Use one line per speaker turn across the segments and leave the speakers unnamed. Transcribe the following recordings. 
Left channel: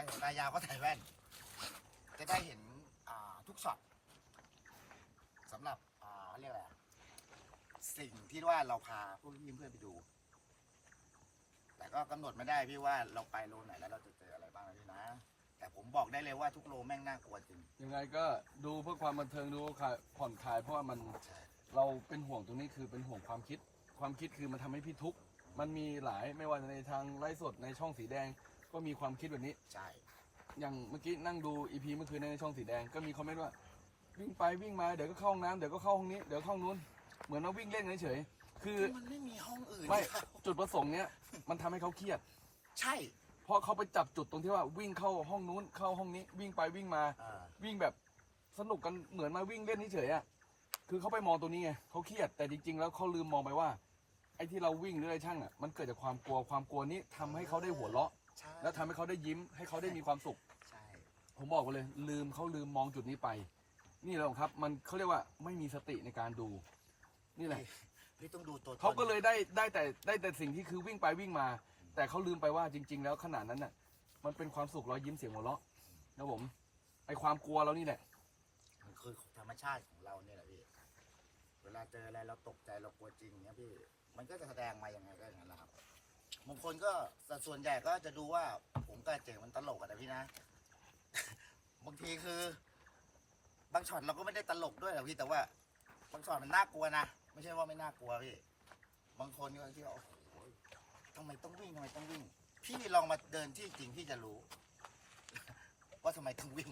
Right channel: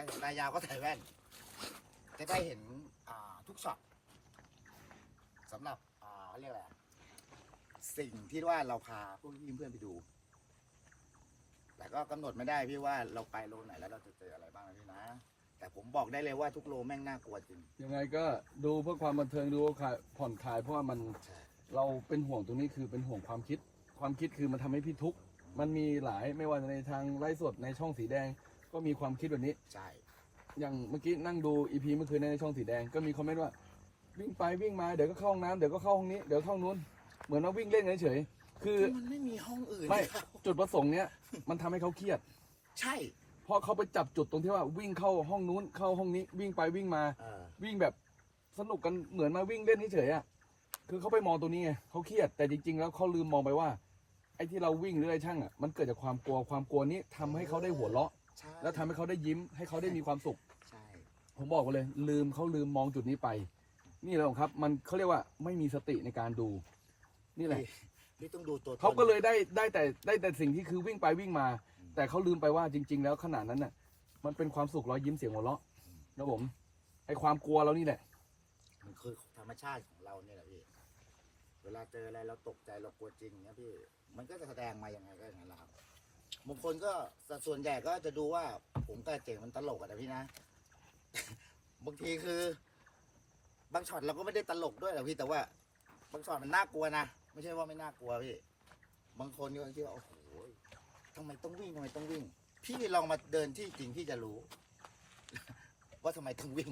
สายตายาวก็ใส่แว่นจะได้เห็นทุกช็อตสำหรับเขาเรียกอะไรสิ่งที่ว่าเราพาพวกพี่เพื่อนไปดู แต่ก็กำหนดไม่ได้พี่ว่าเราไปโลไหนแล้วเราจะเจออะไรบ้างพี่นะแต่ผมบอกได้เลยว่าทุกโลแม่งน่ากลัวจริง
ยังไงก็ดูเพื่อความบันเทิงดูผ่อนคลายเพราะว่ามันเราเป็นห่วงตรงนี้คือเป็นห่วงความคิดคือมันทำให้พี่ทุกข์มันมีหลายไม่ว่าในทางไลฟ์สดในช่องสีแดงก็มีความคิดแบบนี้
ใช่
อย่างเมื่อกี้นั่งดูอีพีเมื่อคืนในช่องสีแดงก็มีคอมเมนต์ว่าวิ่งไปวิ่งมาเดี๋ยวก็เข้าห้องน้ำเดี๋ยวก็เข้าห้องนี้เดี๋ยวเข้านู้นเหมือนเราวิ่งเล่นเฉยๆคือ
มันไม่มีห้องอื่น
ไม่จุดประสงค์เนี้ยมันทำให้เขาเครียด
ใช่
เพราะเขาไปจับจุดตรงที่ว่าวิ่งเข้าห้องนู้นเข้าห้องนี้วิ่งไปวิ่งมาวิ่งแบบสนุกกันเหมือนมาวิ่งเล่นเฉยๆอ่ะคือเขาไปมองตัวนี้ไงเขาเครียดแต่จริงๆแล้วเขาลืมมองไปว่าไอ้ที่เราวิ่งหรืออะไรช่างอ่ะมันเกิดจากความกลัวนี้ทำให้เขาได้หัวเราะแล้วทำให้เขาได้ยิ้มให้เขาได้มีความสุขผมบอกไปเลยเขาลืมมองจุดนี้ไปนี่แหละครับมันเขาเรียกว่าไม่มีสติในการดูนี่แหละ
นี่ต้องดูตัว
เขาก็เลยได้แต่สิ่งที่คือวิ่งไปวิ่งมาแต่เขาลืมไปว่าจริงๆแล้วขนาดนั้นน่ะมันเป็นความสุขรอยยิ้มเสียงหัวเราะนะผมไอความกลัวเรานี่แหละ
มันคือธรรมชาติของเราเนี่ยแหละพี่เวลาเจออะไรเราตกใจเรากลัวจริงเนี่ยพี่มันก็จะแสดงมาอย่างไงก็อย่างนั้นแหละครับบางคนก็ส่วนใหญ่ก็จะดูว่าผมกับเจ๋งมันตลกอะแต่พี่นะ บางทีคือบางช็อตเราก็ไม่ได้ตลกด้วยหรอกพี่แต่ว่าบางช็อตมันน่ากลัวนะไม่ใช่ว่าไม่น่ากลัวพี่บางคนก็คิดว่าโอ้โหทำไมต้องวิ่งพี่ลองมาเดินที่จริงพี่จะรู้ ว่าทำไมต้องวิ่ง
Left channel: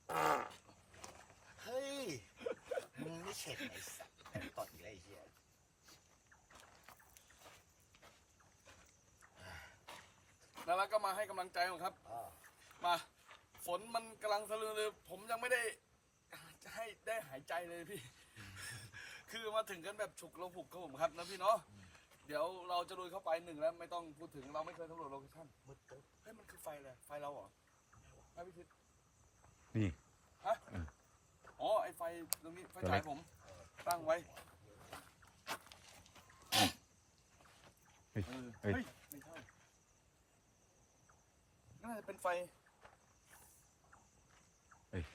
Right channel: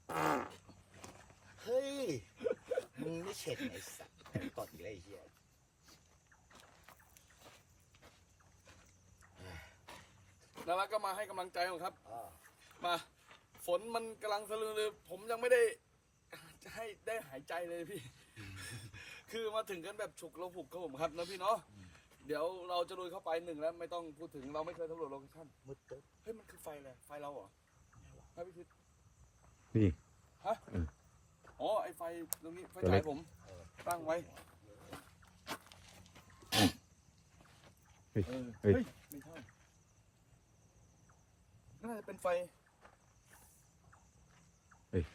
เฮ้ยมึงไม่เข็ดไงสัตว์ตดอีกแล้วไอ้เหี้ย
แล้วก็มาให้กำลังใจผมครับมาฝนมันกำลังสลือเลยผมยังไม่ได้จะให้ได้หายใจเลยพี่ คือมาถึงกันแบบฉุกระหุกครับผมครับนะพี่เนาะเดี๋ยวเราจะลุยเข้าไปหนึ่งแล้วไม่ต้องพูดถึงเราไม่เคยสำรวจโลเคชั่น
มืดตึ๊บ
เฮ้ยมันคือไฟอะไรไฟเราเหรอไฟพิชิต
นี่
ฮะอ๋อไอไฟตรงนี้ไฟฉายผมตั้งไว้เฮ้ยไม่ใช่น่าจะเป็นไฟ
เดี๋ยว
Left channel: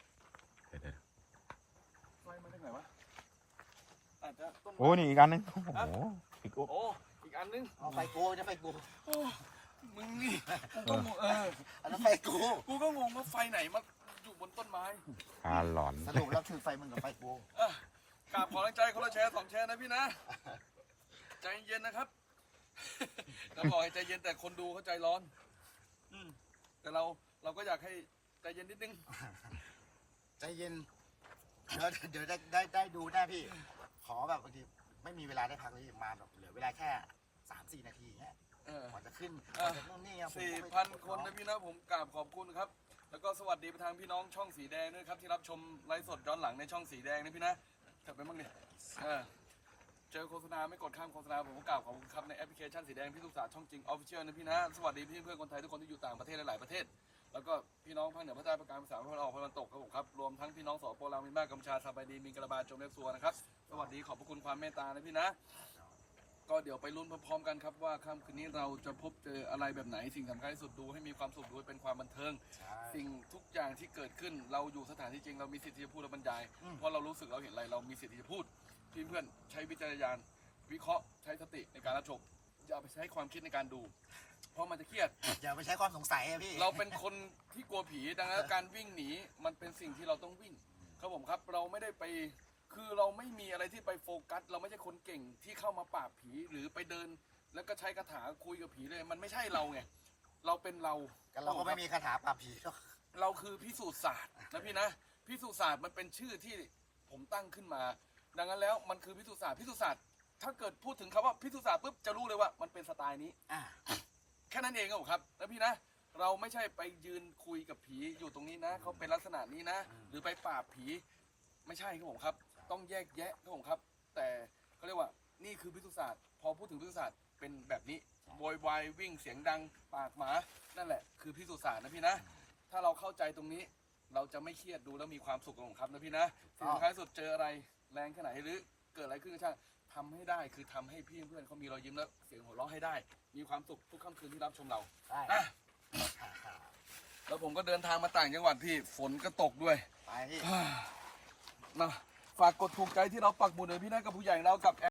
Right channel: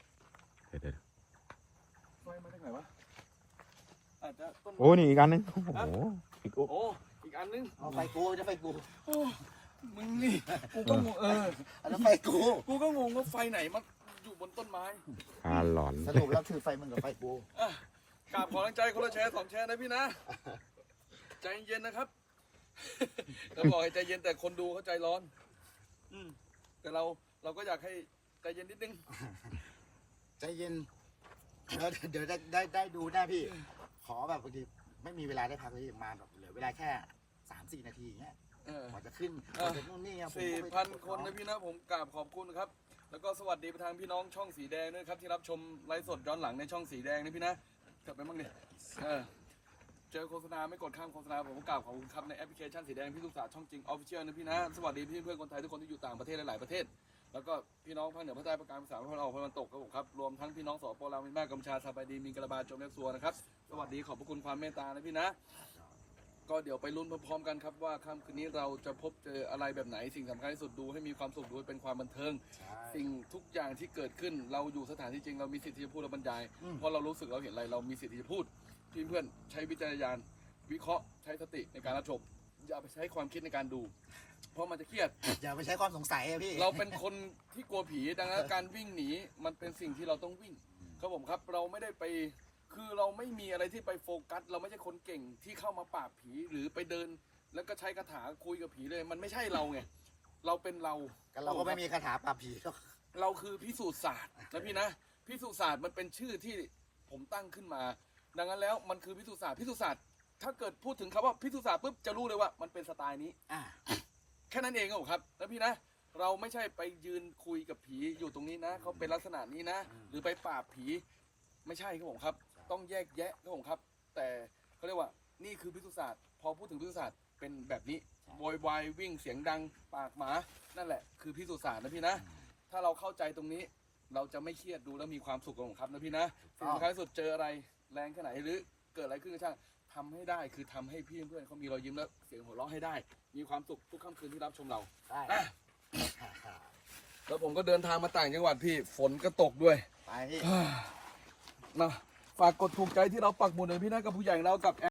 ไฟมาจากไหนวะอาจจะต้น
โอ้นี่อีกอันนึงโอ้โห
อีกอันนึง
เอาไฟกูจะไฟกู
มึงนี่กูก็งง
อันนั้นไฟกู
ก็งงว่าไฟไหนมาอยู่บนต้นไม้
หลอน
สรุปแล้วคือไฟมึงกับไฟกู
กราบขอกำลังใจคนละแชร์2 แชร์นะพี่นะใจเย็นนะครับเราบอกให้ใจเย็นแต่คนดูเขาใจร้อนแต่เราก็อยากให้ใจเย็นนิดนึง
ใจเย็นเดี๋ยวได้ดูหน้าพี่ขอแบบบางทีไม่มีเวลาได้พักเลยมาแบบเหลือเวลาแค่3-4 นาทีอย่างเงี้ยกว่าจะขึ้นกว่าจะนู่นนี่
4,000 คนนะพี่นะผมกราบขอบคุณครับแล้วก็สวัสดีไปทางพี่น้องช่องสีแดงด้วยครับที่รับชมไลฟ์สดย้อนหลังในช่องสีแดงนะพี่นะกลับไปบ้างดิเจอโฆษณาไม่กดข้ามโฆษณาผมกราบขอบคุณครับในแอปพลิเคชันสีแดงพี่ลูกสาวช่องจริงออฟฟิเชียลนะพี่นะสวัสดีพี่เพื่อนคนไทยทุกคนที่อยู่ต่างประเทศหลายประเทศแล้วก็พี่น้องภาคเหนือภาคใต้ภาคกลางภาคอีสานภาคตะวันออกภาคตะวันตกครับผมครับรวมทั้งพี่น้องสป.ลาวเมียนมากัมพูชาสบายดีมีกระบาจมเล็กซัวนะครับสวัสดีขอบพระคุณความเมตตานะพี่นะก็เดี๋ยวไปลุ้นพร้อมๆกันครับว่าค่ำคืนนี้เราจะพบเจออะไรแบบไหนสิ่งสำคัญที่สุดดูให้มีความสุขด้วยเป็นความบันเทิงสิ่งทุกอย่างที่เกิดขึ้นเราอยู่สถานที่จริงเรามีสิทธิ์ที่จะพูดและบรรยายเพราะเรารู้สึกเราเห็นอะไรเรามีสิทธิ์ที่จะพูดเพื่อนใช้วิจารณญาณวิเคราะห์ใช้สติในการรับชมอย่าไปใช้ความคิดในการดูเพราะมันจะเครียด
อย่าไปใช้ความสงสัยพี่
เราเป็นคนที่กลัวผีดังนั้นการวิ่งหนีมันเป็นสิ่งที่เราต้องวิ่งครับผมครับเราไม่ได้ไปคือเราไม่มีอะไรที่ไปโฟกัสเราไม่ใช่คนเก่งที่เข้ามาปราบผีหรือไปเดินแล้วก็ใช้คาถาคุยกับผีเลยมันไม่ใช่เราไงเราเป็นเรา
ก็ไม่มีคาถาปราบผี
เราคือพิสูจน์ศาสตร์นะพี่นะพิสูจน์ศาสตร์มันเป็นชื่อที่ผมตั้งขึ้นมาดังนั้นแล้วมันคือพิสูจน์ศาสตร์ถ้าเกิดพูดถึงคำว่าพิสูจน์ศาสตร์ปุ๊บจะรู้เลยว่ามันเป็นสไตล์นี้แค่นั้นเองครับนะพี่นะเราไม่ใช่ไปยืนคุยกับผีอยู่ตรงนี้นะเขาเป็นลักษณะนี้นะหรือไปปราบผีไม่ใช่ครับผมครับต้องแยกแยะครับผมครับแต่เขาเรียกว่านี่คือพิสูจน์ศาสตร์พอพูดถึงพิสูจน์ศาสตร์เป็นแบบนี้โวยวายวิ่งเสียงดังปากหมานั่นแหละคือพิสูจน์ศาสตร์นะพี่นะถ้าเราเข้าใจตรงนี้เราจะไม่เครียดดูแล้วมีความสุขครับนะพี่นะสิ่งสำคัญที่สุดเจออะไรแรงแค่ไหนหรือเกิดอะไรขึ้นก็ช่างทำให้ได้คือทำให้พี่เพื่อนเขามีรอยยิ้มและเสียงหัวเราะให้ได้มีความสุขทุกค่ำคืนที่รับชมเราแล้วแล้วผมก็เดินทางมาต่างจังหวัดพี่ฝนก็ตกด้วย
ไปพี่
นะฝากกดถูกใจที่เราปักหมุดเลยพี่นะกับผู้ใหญ่เรากับ